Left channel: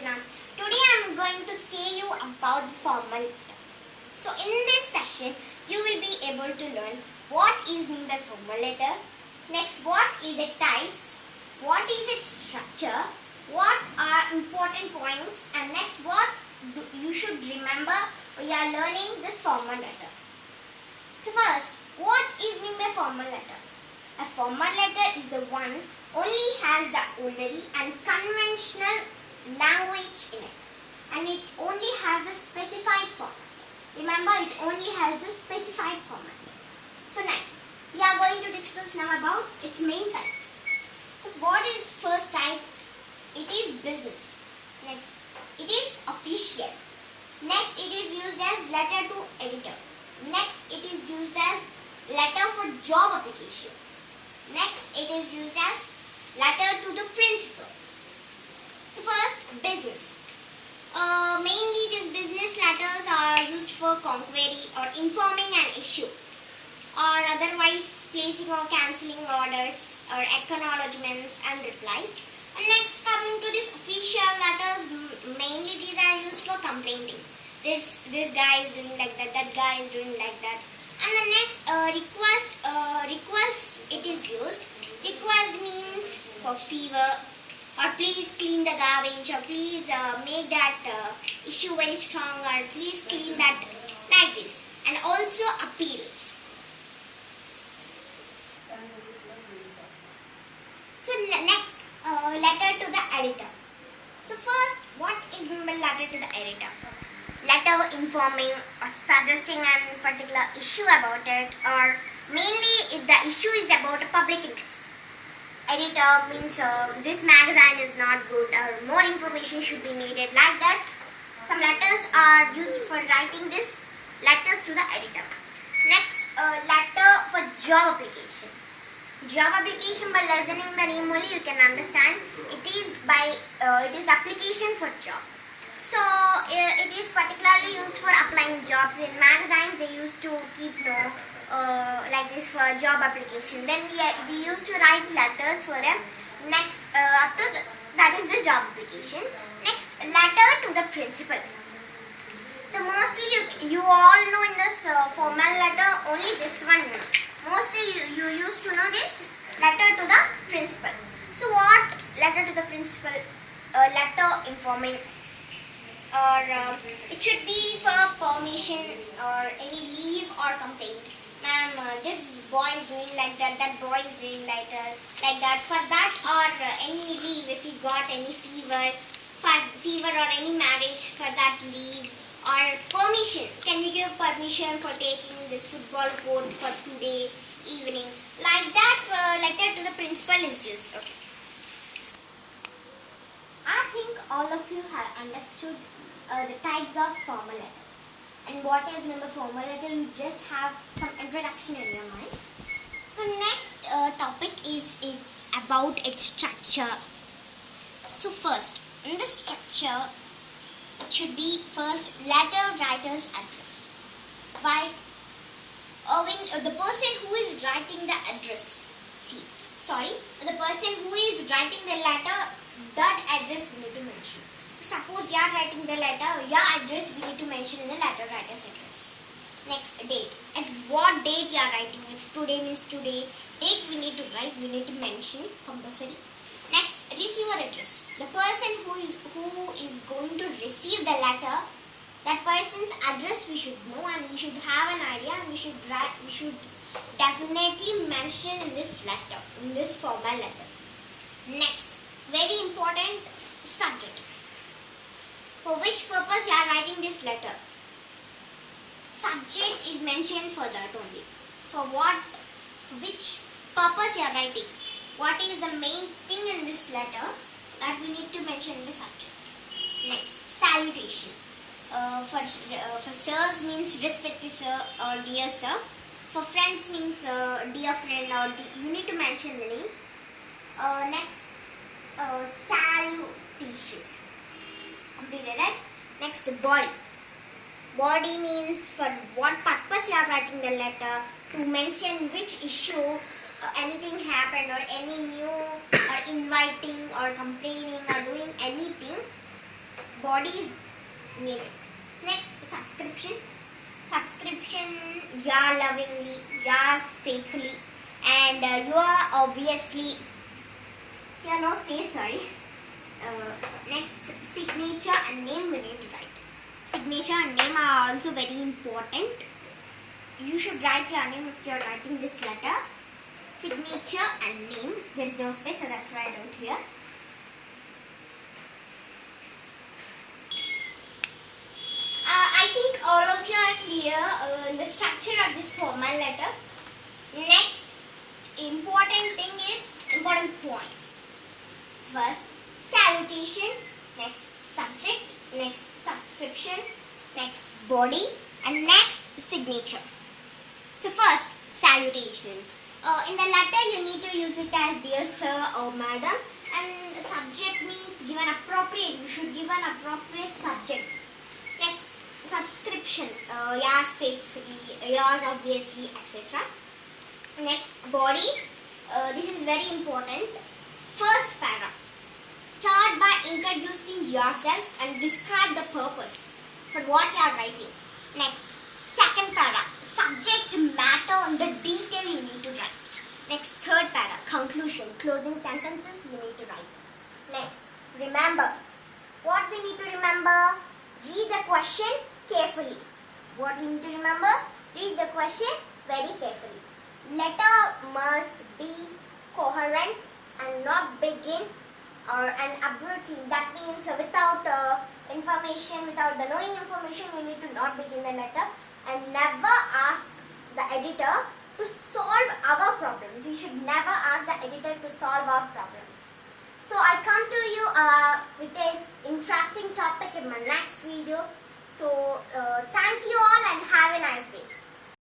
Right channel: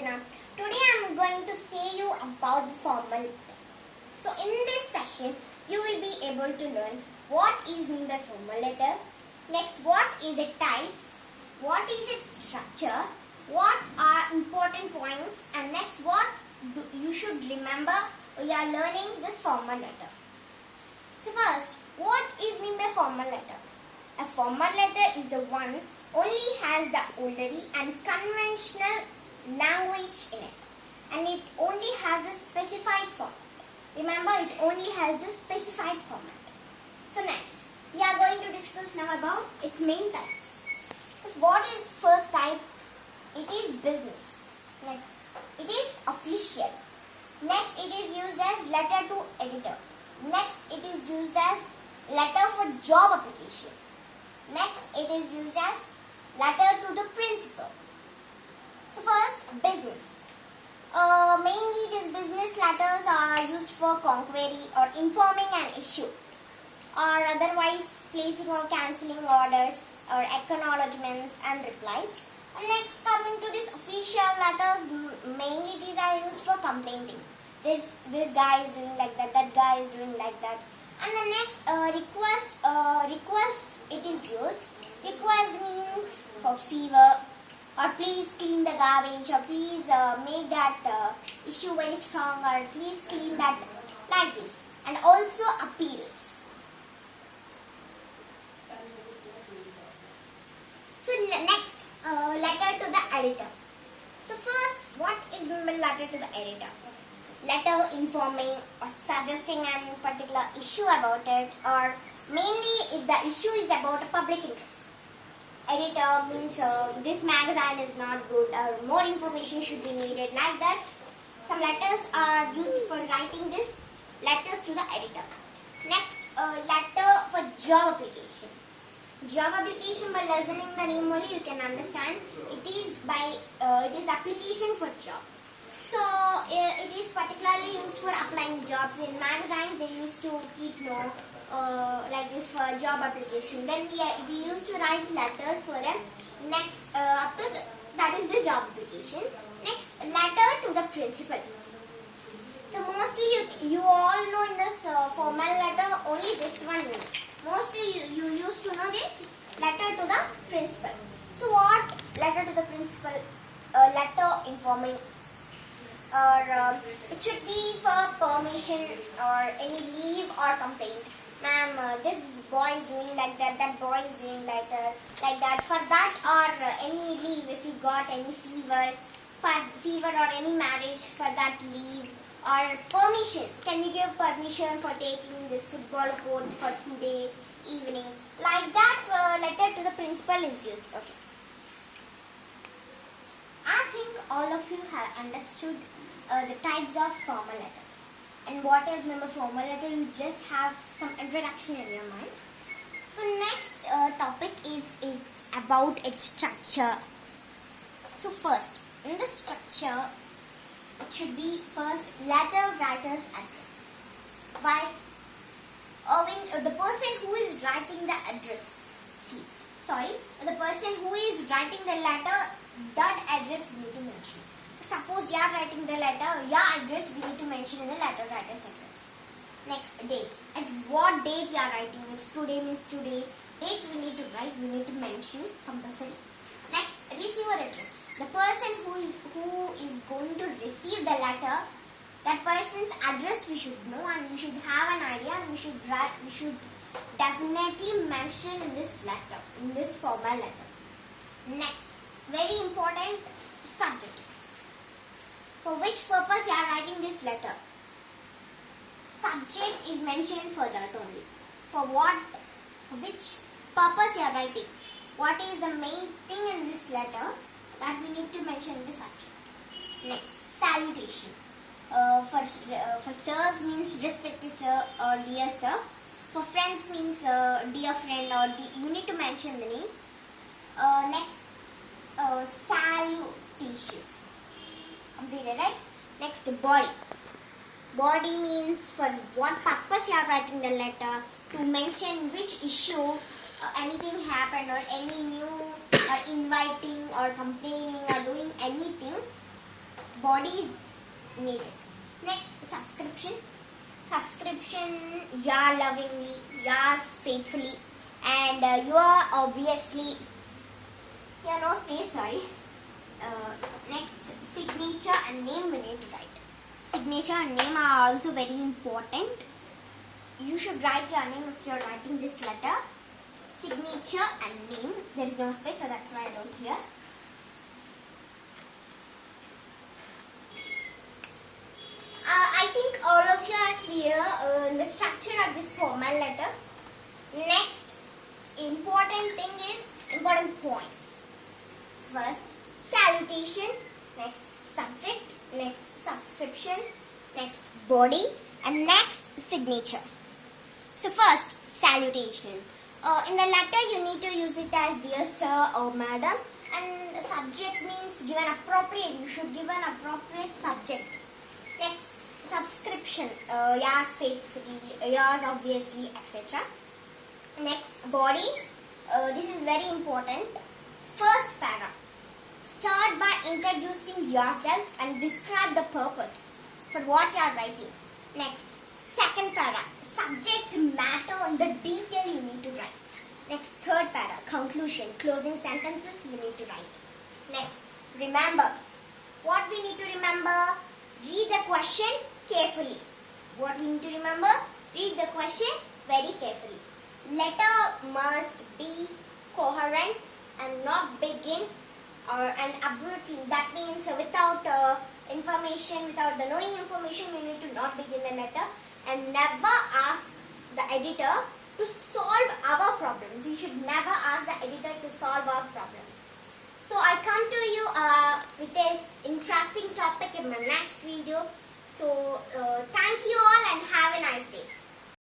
Archana. Today I am going to say you about the formal letter. So in this session, you will be able to learn what is mean by formal letter. Next, what is its types? What is its structure? What are important points? And next, what you should remember when you are learning this formal letter. So first, what is mean by formal letter? A formal letter is the one only has the ordinary and conventional language in it, and it only has a specified format. Remember, it only has the specified format. So next, we are going to discuss now about its main types. So what is its first type? It is business. Next, it is official. Next, it is used as letter to editor. Next, it is used as letter for job application. Next, it is used as letter to the principal. So first, business. Mainly these business letters are used for conquering or informing an issue, or otherwise placing or cancelling orders or acknowledgements and replies. And next, coming to this official letters, mainly these are used for complaining. This guy is doing like that guy is doing like that. And the next, request it is used. Request means for favor, or please clean the garbage, or please make that issue very strong, or please clean that, like this. And also appeals. So next, letter to the editor. So first, what is meant by letter to the editor? Letter informing or suggesting a particular issue about it, or mainly if the issue is about a public interest. Editor means this magazine is not good, or more information should be needed, like that. Some letters are used for writing this letters to the editor. Next, letter for job application. Job application, by listening the name only you can understand. It is application for job. So it is particularly used for applying jobs. In magazines they used to keep like this for job application. Then we used to write letters for them. Next, that is the job application. Next, letter to the principal. So mostly you all know in this formal letter only this one. Mostly you used to know this letter to the principal. So what letter to the principal? Letter informing, or it should be for permission or any leave or complaint. Ma'am, this boy is doing like that boy is doing like that. For that, or any leave, if you got any fever or any marriage, for that leave, or permission. Can you give permission for taking this football court for today evening? Like that, letter to the principal is used. Okay. I think all of you have understood the types of formal letters. And what is meant by formal letter, you just have some introduction in your mind. So next topic is about its structure. So first, in the structure, it should be first letter writer's address. Why? The person who is writing the address. The person who is writing the letter, that address we need to mention. Suppose you are writing the letter, your address we need to mention in the letter writer's address. Next, date. At what date you are writing? If today means today, date we need to write, we need to mention compulsory. Next, receiver address. The person who is going to receive the letter, that person's address we should know, and we should have an idea, and we should definitely mention in this letter, in this formal letter. Next, very important, subject. For which purpose you are writing this letter? Subject is mentioned for that only. For which purpose you are writing? What is the main thing in this letter that we need to mention in the subject? Next, salutation. For sirs means respected sir or dear sir. For friends means dear friend, or you need to mention the name. Next, salutation. Completed, right? Next, body. Body means for what purpose you are writing the letter, to mention which issue anything happened, or any new, or inviting, or complaining, or doing anything. body is needed. Next, subscription. Subscription, yours lovingly, yours faithfully, and you are obviously, no space, sorry. Next, signature and name we need to write. Signature and name are also very important. You should write your name if you are writing this letter. Signature and name, there is no space, so that's why I don't here. I think all of you are clear in the structure of this formal letter. Next, important points. First, salutation. Next, subject. Next, subscription. Next, body. And next, signature. So first, salutation. In the letter, you need to use it as dear sir or madam. And the subject means give an appropriate. You should give an appropriate subject. Next, subscription, yours faithfully, yours obviously, etc. Next, body, this is very important. First para, start by introducing yourself and describe the purpose for what you are writing. Next, second para, subject matter and the detail you need to write. Next, third para, conclusion, closing sentences you need to write. Next, remember. What we need to remember? Read the question carefully. What we need to remember? Read the question very carefully. Letter must be coherent and not begin and abruptly. That means without information, without the knowing information, we need to not begin the letter, and never ask the editor to solve our problems. You should never ask the editor to solve our problems. So I come to you with this interesting topic in my next video. So thank you all and have a nice day.